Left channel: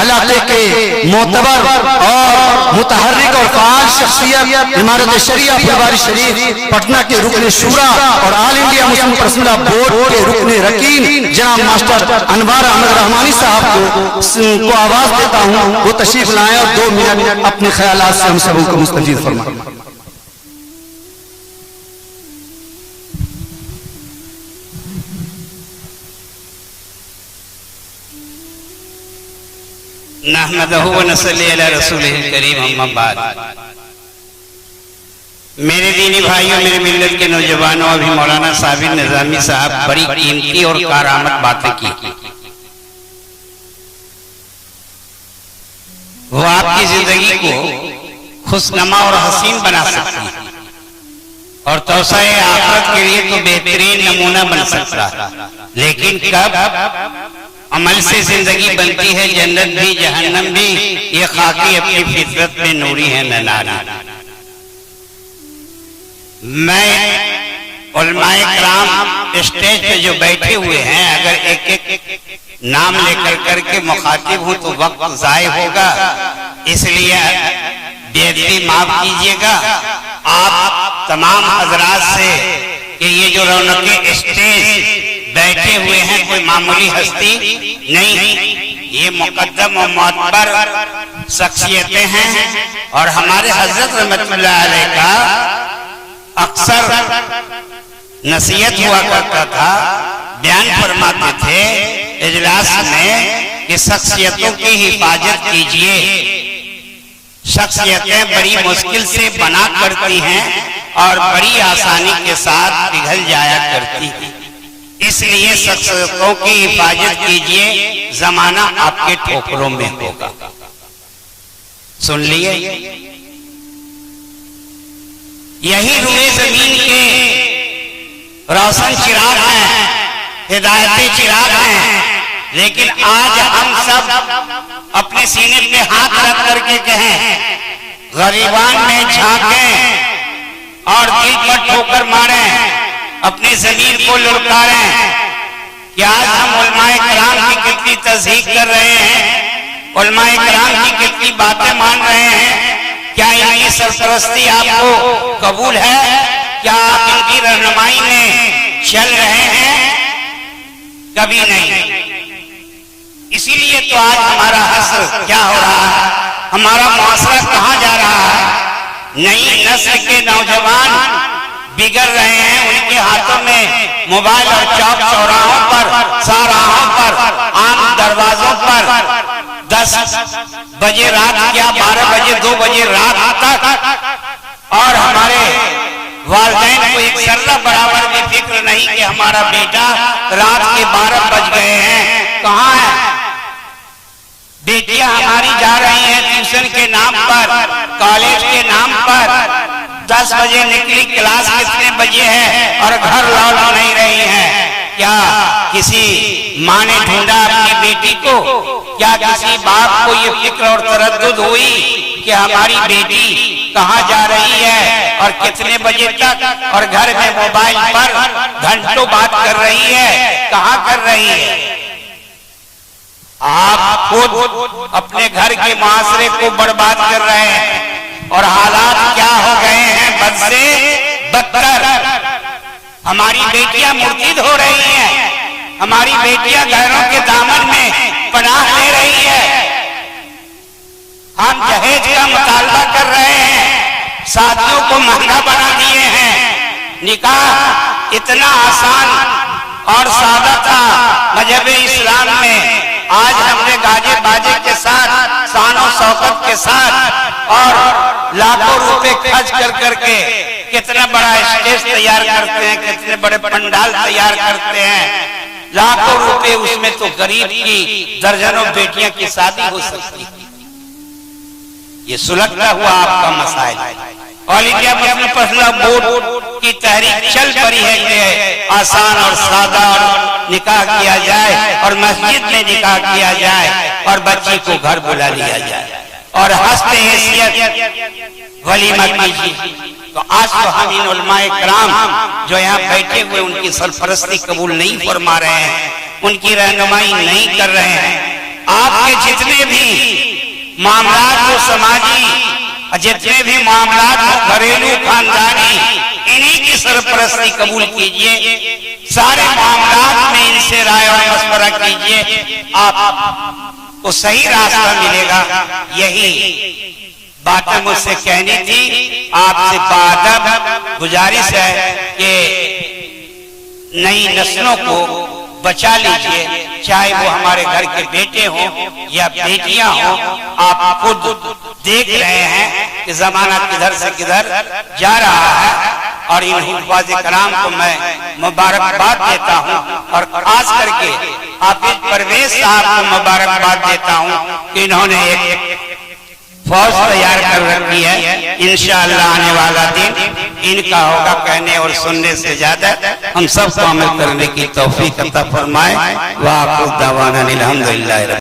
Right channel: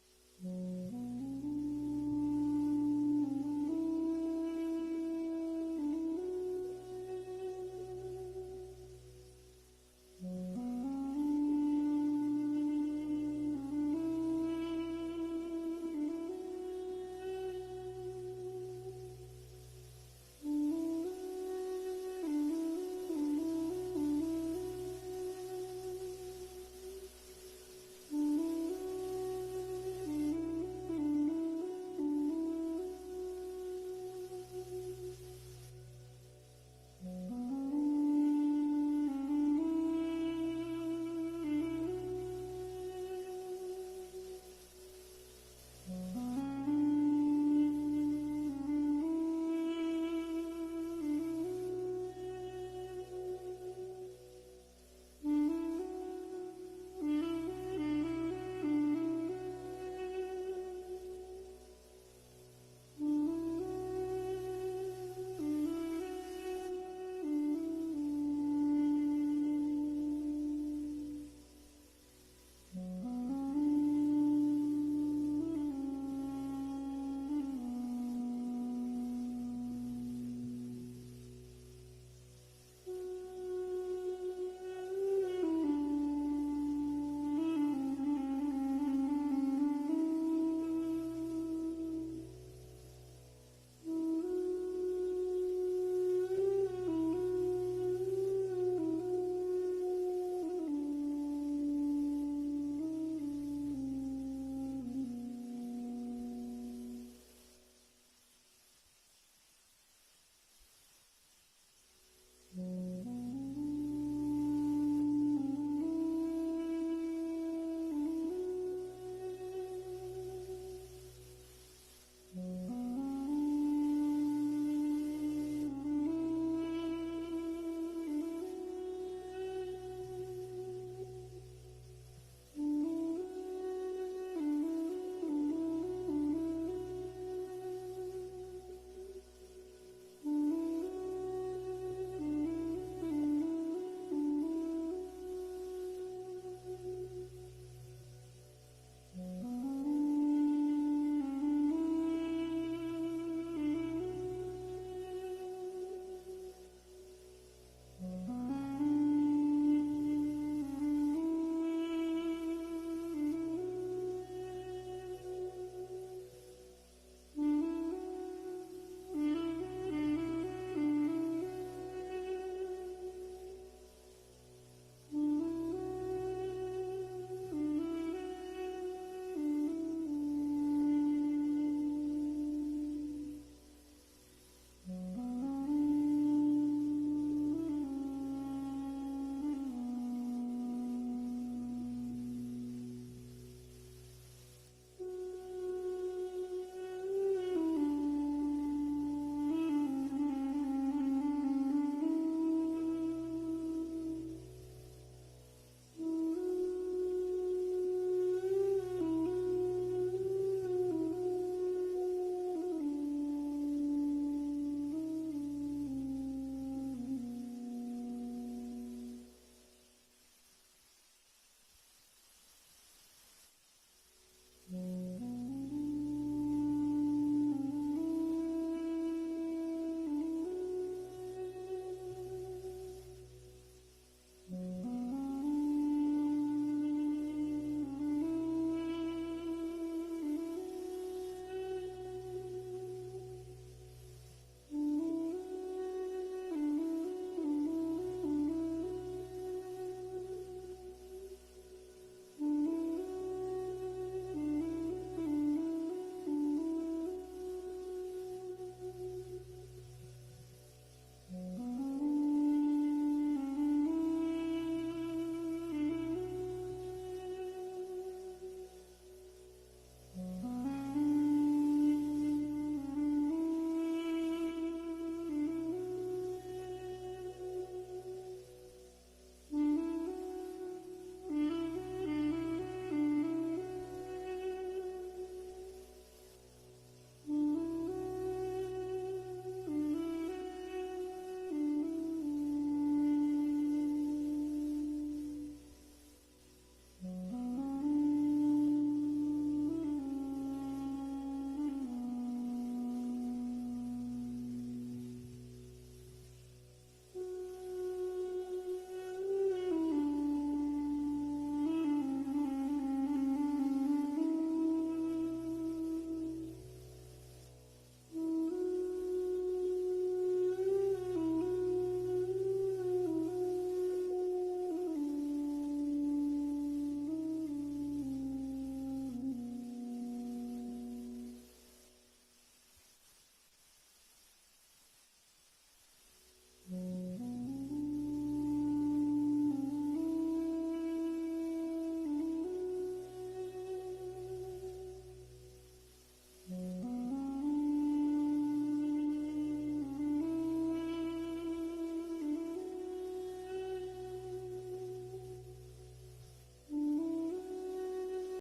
इलाके के मोतबर और मुतहर्रिक और फाल शख्सियत इमारत शरिया फुलवारी शरीफ पटना के रुकन शूरा और all India Muslim personal board के रुकन रकीन जनाब मास्टर अनवार अहमद रहमानी साहब को आवाज देता हूँ, वो तशरीफ लाएं और 2 मिनट अपने ख्यालात से हम सबों को मुस्तफीद फरमाएं। नहमदहु व नसल्ली अला रसूलिल करीम, अम्मा बाद। मेरे दीनी भाइयों, मेरे मिल्लत के नौजवानों, अभी मौलाना साबिर निजामी साहब बड़ी कीमती और कारामत बातें की। वो आपकी जिंदगी को खुशनुमा और हसीन बना सकती है और तौसाए आखिरत के लिए तो बेहतरीन नमूना बन सकता है। लेकिन कब अमल से जिंदगी बनती है जन्नत भी जहन्नम भी, ये खाकी अपनी फितरत में नूरी है न नारी। मैं उलमाए किराम स्टेज पे जो बैठे हुए हैं, अगर एक एक नाम लेकर करके मुखातिब हूं तो वक्त जाय होगा, इसलिए बेअदबी माफ कीजिएगा आप तमाम हजरात से कि ये जो रौनके स्टेज बैठे हुए हैं कोई मामूली हस्ती नहीं, ये मुकद्दम और मोतबर शख्सियतें हैं। और हमारे हजरत रहमतुल्लाह अलैह का अक्सर नसीहत हुआ करता था, बयान फरमाते थे इजलास में कि शख्सियतों की हिफाजत कीजिए। शख्सियतें बड़ी मुश्किल से बना करती हैं और बड़ी आसानी के साथ पिघल जाया करती हैं, इसलिए शख्सियतों की हिफाजत कीजिए, जमाना आपके ठोकरों में होगा। सुन लिए, यही रूए जमीन के रोशन चिराग हैं, हिदायती चिराग हैं। लेकिन आज हम सब अपने सीने पे हाथ रख करके कहें, गरीबान में झांकें और दिल पर ठोकर मारें, अपनी जमीन को लुढ़कारें। क्या आज हम उलमाए किराम की कितनी तस्दीक कर रहे हैं, उलमाए किराम की कितनी बातें मान रहे हैं? क्या इनकी सरपरस्ती आपको कबूल है? क्या आप इनकी रहनुमाई में चल रहे हैं? कभी नहीं। इसीलिए तो आज हमारा हश्र क्या हो रहा है, हमारा मुआशरा कहाँ जा रहा है। नई नस्ल के नौजवान बिगड़ रहे हैं, उनके हाथों में मोबाइल और चौक चौराहों पर, साराहों पर, आम दरवाजों पर 10 बजे रात या 12 बजे 2 बजे रात तक, और हमारे वालिदैन को एक जर्रा बराबर भी फिक्र नहीं कि हमारा बेटा रात के 12 बज गए हैं, कहाँ है। बेटियां हमारी जा रही हैं ट्यूशन के नाम पर, कॉलेज के नाम पर, 10 बजे निकली, क्लास कितने बजे है और घर लौट नहीं रही है। क्या किसी माँ ने ढूंढा अपनी बेटी को? क्या किसी बाप को ये फिक्र और तरद्दुद हुई कि हमारी बेटी कहाँ जा रही है और कितने बजे तक, और घर में मोबाइल पर घंटों बात कर रही है, कहाँ कर रही है। आप खुद अपने घर के माशरे को बर्बाद कर रहे हैं और हालात क्या हो गए हैं बद से बदतर। हमारी बेटियां मुर्तिद हो रही हैं, हमारी बेटियां घरों के दामन में पनाह ले रही है। हम दहेज का मुतालबा कर रहे हैं, शादियों को महंगा बना दिए हैं। निकाह इतना आसान और सादा था मजहब इस्लाम में, आज हमने गाजे बाजे के साथ, शानो शौकत के साथ और लाखों रुपए खर्च कर करके कितना बड़ा स्टेज तैयार करते हैं, कितने बड़े पंडाल तैयार करते हैं। लाखों रुपए उसमें तो गरीब की दर्जनों बेटियां की शादी हो सकती है। ये सुलगता हुआ आपका मसाइल। All India Muslim personal board की तहरीक चल पड़ी है कि आसान और सादा और निकाह किया जाए और मस्जिद में निकाह किया जाए और बच्ची को घर बुला लिया जाए और हस्ते हैसियत वलीमा कीजिए। तो आज तो हम इन उलमाए किराम जो यहाँ बैठे हुए उनकी सरपरस्ती कबूल नहीं फरमा रहे हैं, उनकी रहनुमाई नहीं कर रहे हैं। आपके जितने भी मामलात हो समाजी, जितने भी मामलात हो घरेलू खानदानी, इन्हीं की सरपरस्ती कबूल कीजिए। सारे मामलात में इनसे राय और मशवरा कीजिए, आपको सही रास्ता मिलेगा। यही बातें मुझसे कहनी थी। आपसे बादब गुजारिश है कि नई नस्लों को बचा लीजिए, चाहे वो हमारे घर के बेटे हों या बेटियां हों। आप खुद देख रहे हैं कि जमाना किधर से किधर जा रहा है, और इन हुफ़ाज़ कराम को मैं मुबारकबाद देता हूं, और खास करके हाफिज परवेज साहब को मुबारकबाद देता हूं कि इन्होंने एक फौज तैयार कर रखी है। इंशाअल्लाह आने वाला दिन इनका होगा। कहने और सुनने से ज्यादा हम सबको अमल करने की तौफीक अता फरमाए। वाह दावाना अल्हम्दुलिल्लाह।